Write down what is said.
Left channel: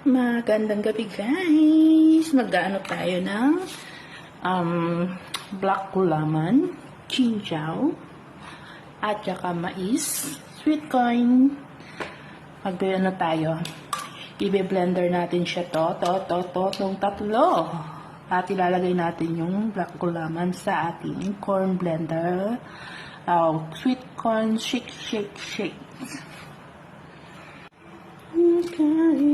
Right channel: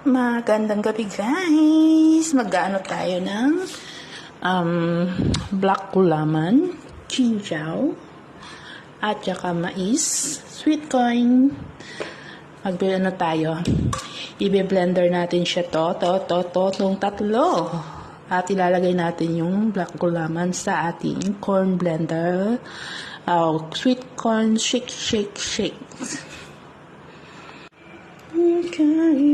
Magandang gabi guys! Mag-ano tayo ng black gulaman, chinjaw, at saka mais, sweet corn. Mag-ano tayo? I-blender natin siya itong tatlo. At ilalagay natin yung black gulaman sa ating corn blender. Sweet corn, shake. Okay.